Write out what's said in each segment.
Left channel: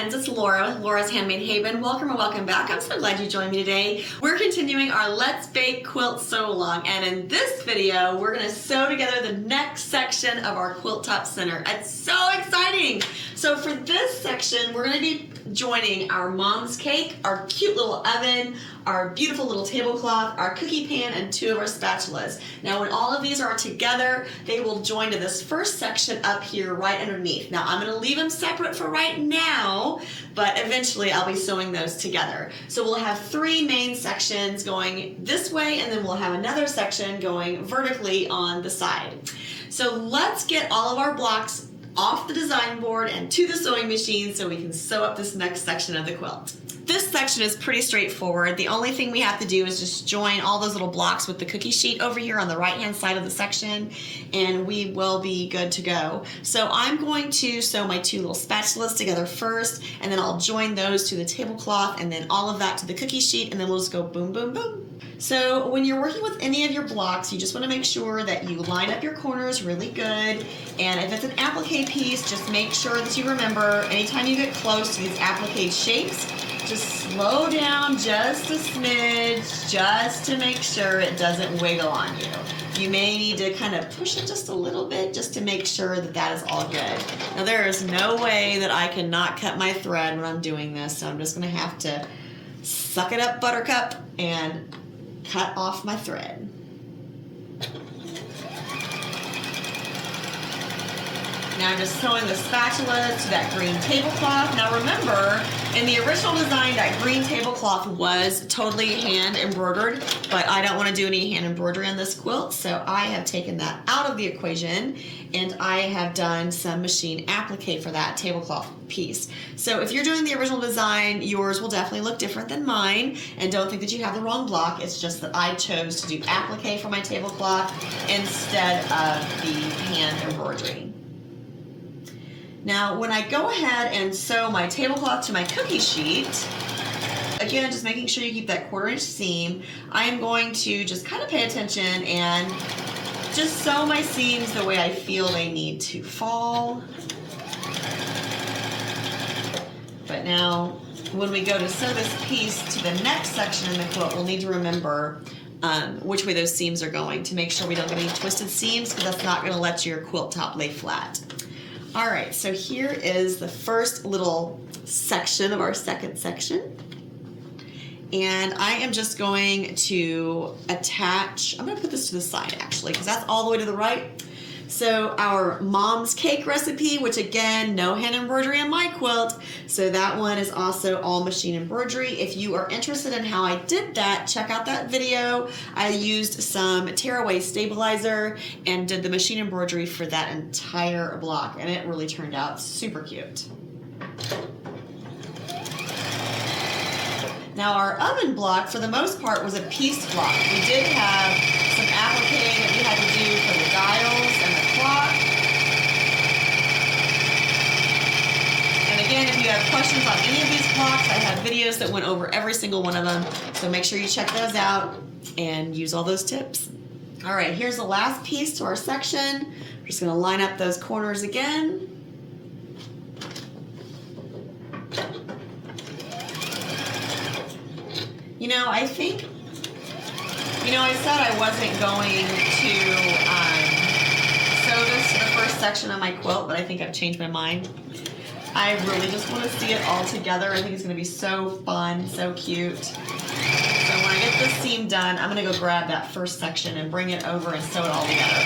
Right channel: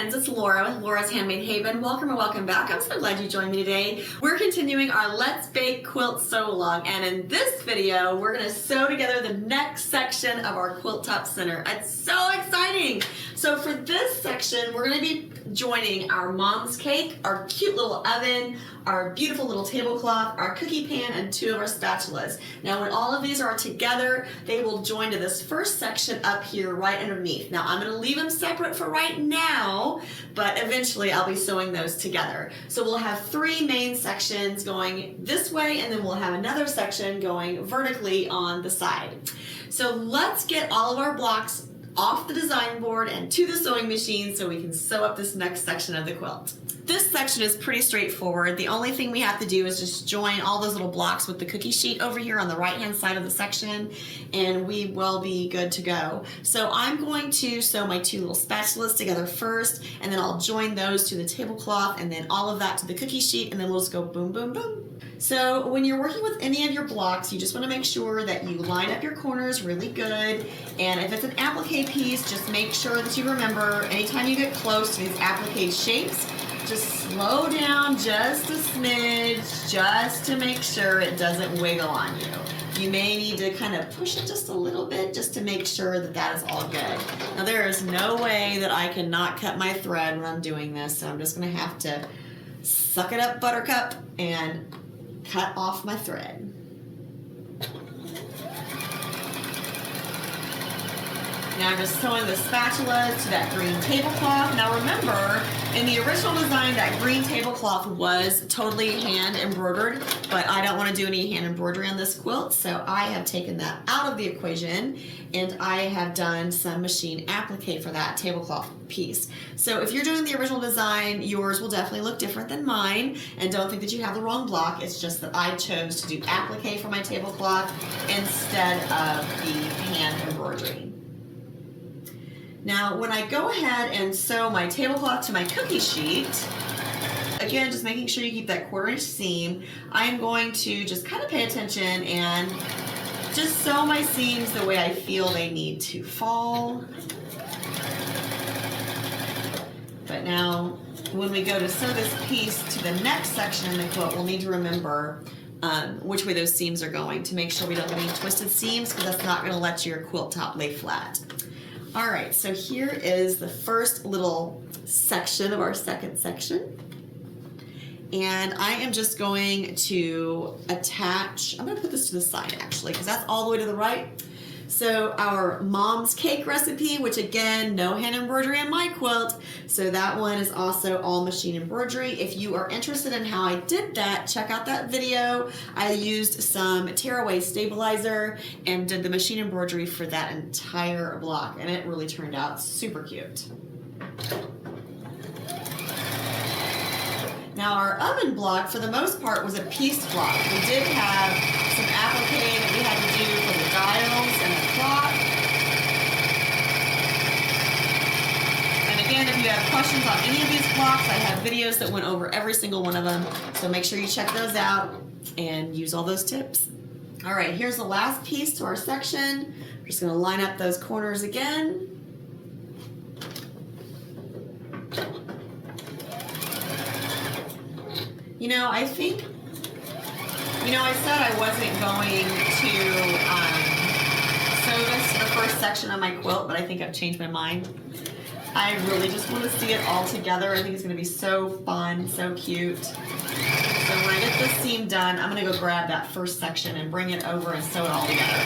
friends, it's Laura with Laura's Handmade Haven. Welcome or welcome back. I'm so glad you joined me today. We're continuing our Let's Bake Quilt Sew Along, and in this video, we're going to sew together the next section of our quilt top center. It's so exciting! So for this section, we're going to be joining our mom's cake, our cute little oven, our beautiful little tablecloth, our cookie pan, and 2 of our spatulas. Now when all of these are together, they will join to this first section up here right underneath. Now I'm going to leave them separate for right now, but eventually I'll be sewing those together. So we'll have 3 main sections going this way, and then we'll have another section going vertically on the side. So let's get all of our blocks off the design board and to the sewing machine so we can sew up this next section of the quilt. This section is pretty straightforward. The only thing we have to do is just join all those little blocks with the cookie sheet over here on the right hand side of the section, and we will be good to go. So I'm going to sew my 2 little spatulas together first, and then I'll join those to the tablecloth, and then all of that to the cookie sheet, and then we'll just go boom, boom, boom. So when you're working with any of your blocks, you just want to make sure that you line up your corners really good. And if it's an applique piece, just make sure that you remember anytime you get close to these applique shapes, just slow down just a smidge, just to make sure it doesn't wiggle on you. You may need to kind of push it just a little bit just to make sure that that is all good. Now there is no way that I can not cut my thread when I'm doing this, so I'm just going to have to suck it up, buttercup, and cut off my thread. Now I'm just sewing the spatulas to that green tablecloth. Now remember, in the original design, that green tablecloth was totally hand embroidered, but I don't want to do any hand embroidery on this quilt, so I have taken that out of the equation, and I have done some machine applique for that tablecloth piece. So if you're doing the original design, yours will definitely look different than mine, and don't think that you have the wrong block. It's just that I chose to do applique for my tablecloth instead of the hand embroidery. Now, when I go ahead and sew my tablecloth to my cookie sheet, again, just making sure you keep that 1/4 inch seam, I am going to just kind of pay attention and just sew my seams the way I feel they need to fall. But now, when we go to sew this piece to the next section in the quilt, we'll need to remember which way those seams are going to make sure we don't have any twisted seams, because that's not going to let your quilt top lay flat. All right, so here is the first little section of our second section. And I am just going to attach, I'm going to put this to the side actually, because that's all the way to the right. So our mom's cake recipe, which again, no hand embroidery on my quilt, so that one is also all machine embroidery. If you are interested in how I did that, check out that video. I used some tearaway stabilizer and did the machine embroidery for that entire block, and it really turned out super cute. Now our oven block, for the most part, was a pieced block. We did have some applique that we had to do for the dials and the clock. And again, if you have questions on any of these blocks, I have videos that went over every single one of them. So make sure you check those out and use all those tips. All right, here's the last piece to our section. We're just gonna line up those corners again. You know, I think, I said I wasn't going to sew this to the first section of my quilt, but I think I've changed my mind. I really just want to see it all together. I think it's going to be so fun, so cute. So when I get this seam done, I'm going to go grab that first section and bring it over and sew it all together.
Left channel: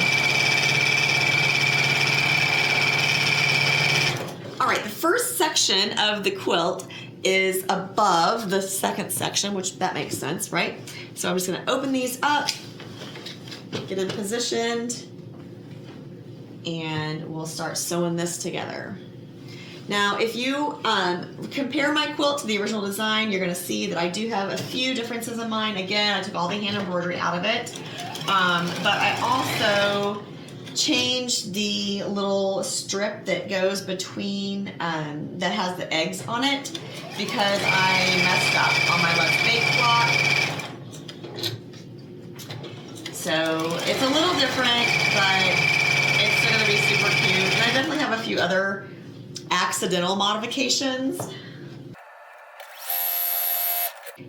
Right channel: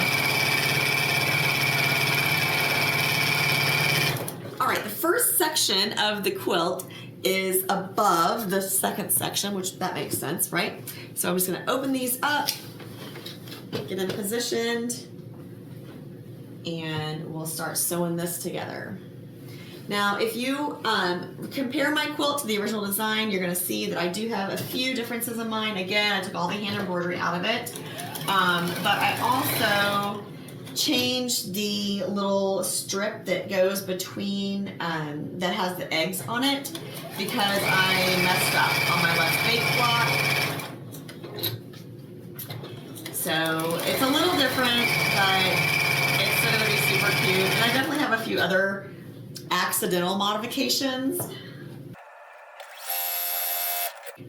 All right, the first section of the quilt is above the second section, which that makes sense, right? So I'm just going to open these up, get them positioned, and we'll start sewing this together. Now, if you compare my quilt to the original design, you're going to see that I do have a few differences in mine. Again, I took all the hand embroidery out of it, but I also changed the little strip that goes between, that has the eggs on it, because I messed up on my Let's Bake block. So it's a little different, but it's going to be super cute. And I definitely have a few other accidental modifications.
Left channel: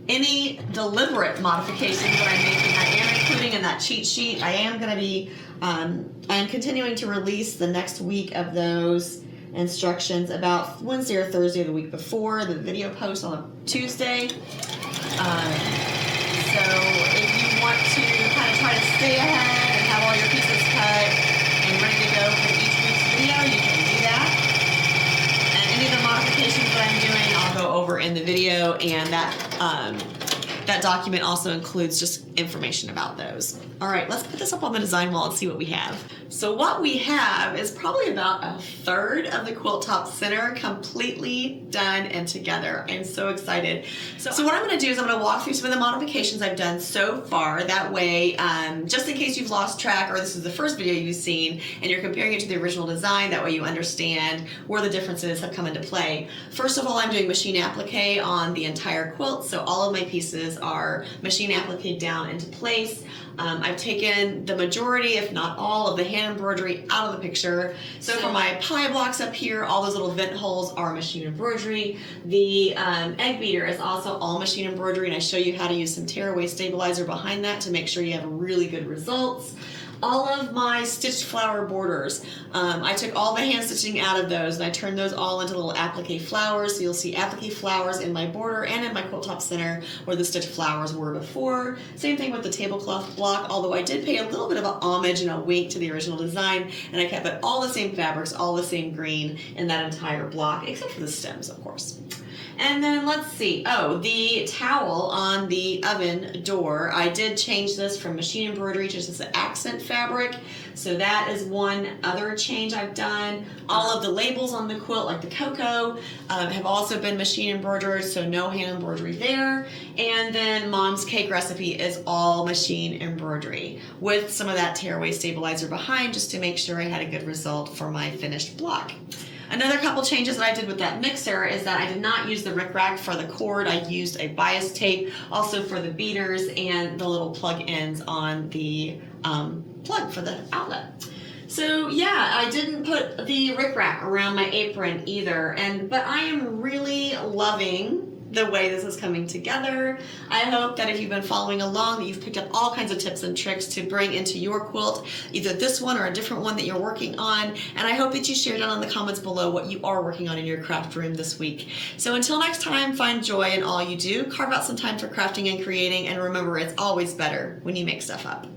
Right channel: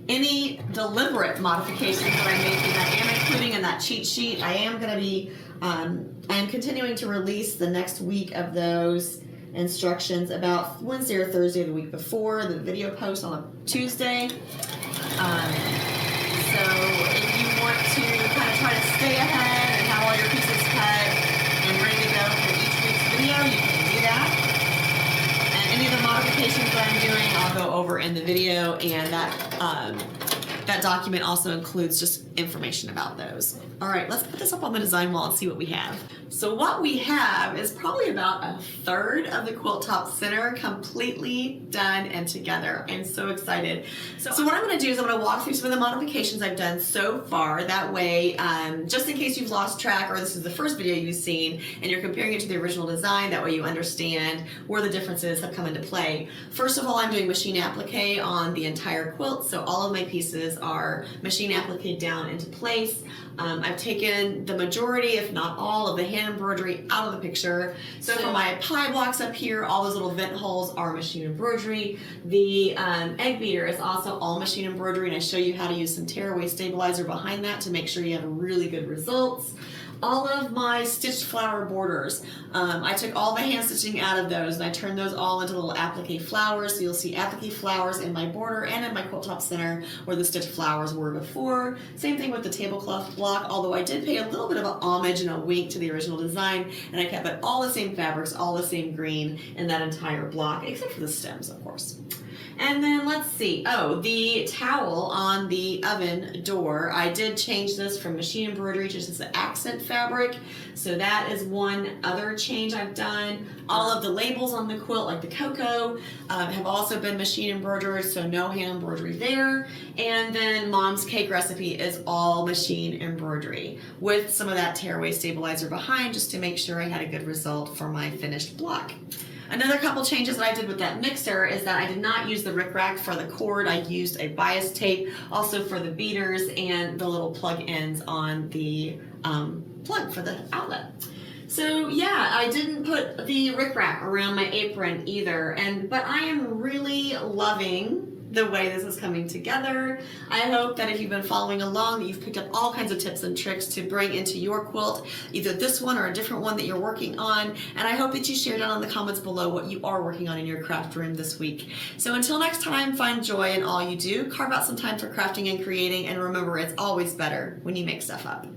Any deliberate modifications that I'm making, I am including in that cheat sheet. I am going to be, I am continuing to release the next week of those instructions about Wednesday or Thursday of the week before. The video post on a Tuesday. So if you want to kind of try to stay ahead and have all your pieces cut and ready to go for each week's video, you can do that. And any of the modifications that I'm doing, I'll go over in the video, and that document also includes just information about those. All right, let's put this up on the design wall and see what we have. So what we have is probably about a third of the quilt top center completely done and together. I'm so excited. So what I'm gonna do is I'm gonna walk through some of the modifications I've done so far. That way, just in case you've lost track or this is the first video you've seen and you're comparing it to the original design, that way you understand where the differences have come into play. First of all, I'm doing machine applique on the entire quilt. So all of my pieces are machine applique down into place. I've taken the majority, if not all, of the hand embroidery out of the picture. So for my pie blocks up here, all those little vent holes are machine embroidery. The egg beater is also all machine embroidery, and I show you how to use some tearaway stabilizer behind that to make sure you have really good results. All of my stitched flower borders, I took all the hand stitching out of those and I turned those all into little applique flowers. So you'll see applique flowers in my border and in my quilt top center where the stitched flowers were before. Same thing with the tablecloth block, although I did pay a little bit of an homage and a wink to the original design, and I kept it all the same fabrics, all the same green in that entire block, except for the stems, of course. And then let's see, the towel on the oven door, I did change this from machine embroidery to just an accent fabric. So that is one other change I've done. All of the labels on the quilt, like the cocoa, have also been machine embroidered, so no hand embroidery there. And then Mom's cake recipe is all machine embroidery with some of that tearaway stabilizer behind just to make sure I had a good result for my finished block. Another couple changes that I did with that mixer is that I did not use the rickrack for the cord. I used a bias tape also for the beaters and the little plug ends on the plug for the outlet. So yeah, I didn't put the rickrack around my apron either, but I am really loving the way this is coming together. I hope that if you've been following along, that you've picked up all kinds of tips and tricks to bring into your quilt, either this one or a different one that you're working on. And I hope that you share down in the comments below what you are working on in your craft room this week. So until next time, find joy in all you do, carve out some time for crafting and creating, and remember, it's always better when you make stuff up.